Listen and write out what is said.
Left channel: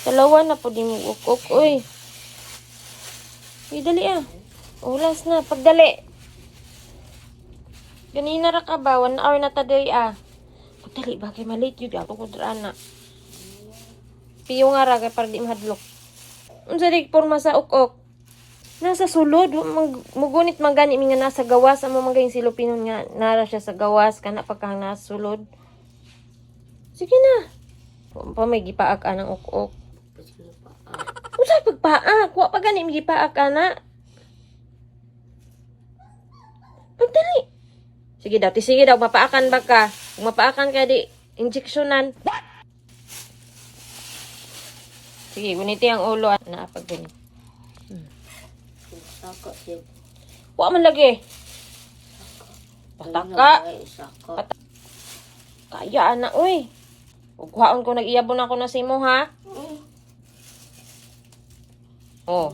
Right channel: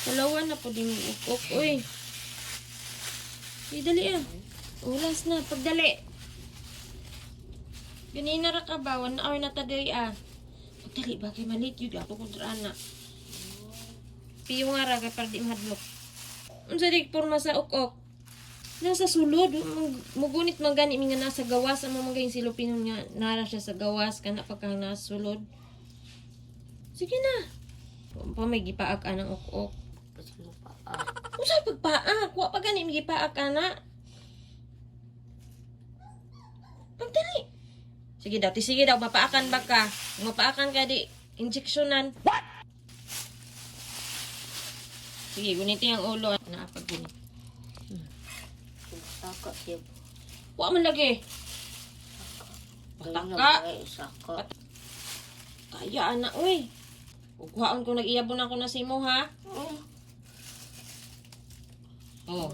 Dalawa na po din yung ukok. Uy. Uy, dali ah. Ulas na. Pagdali. Ganina ra ka ba? 1 hour na taday ah. Pagdali ba? Kay malit yun. Ako kudraan na. Piyo nga ra. Kaya para di mahadlok. Unsa di porma sa ukok? Nasa sulod. Mugunit magani nga nasa gawas. Amo magaling silupinon nga. Nara siya sa gawas. Kana pagkang nasa sulod. Sige na. May gipaak ka ng ukok. Unsa pagpaak? Wa pa gani gipaak ka na. Pagdali. Sige daw, sige daw, mapaakan ba ka? Kung mapaakan ka di, injeksyonan. What? Sige, guniti ang ulo. Naapag gunit. Saka siya. Wa man lagi. Pataka. Kaya ana, uy. Ugwaon ko, nag-iyabon ako na simo, ha? Oh.